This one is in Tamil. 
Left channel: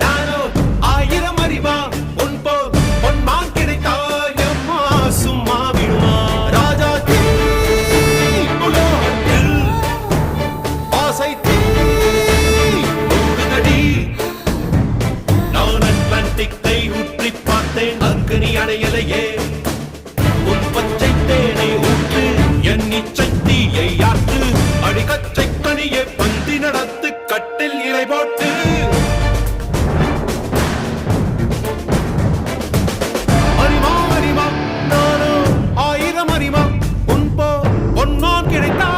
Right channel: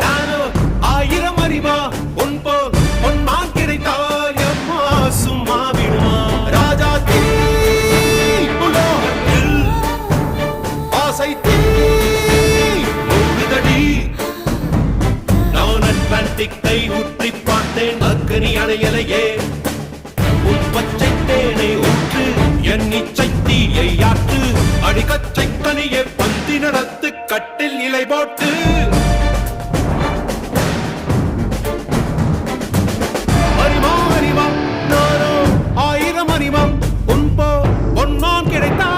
நானோ ஆயிரம் அறிவா உன் போல் பொன்மான் கிடைத்தாயம்மா சும்மா விடுமா ராஜா தீ உலோகத்தில் ஆசை தீ மூடுதடி நான் அட்லாண்டிக்கை ஊற்றி பார்த்தேன் அக்கனி அணையலையே உன் பச்சை தேனை ஊற்று என் இச்சை தீயை ஆற்று அடிக்கச்சை கனியை பந்தி நடத்து கட்டில் இலை போட்டு அறிமா அறிமா நானோ ஆயிரம் அறிமா உன் போ பொன்னான் கிடைத்தா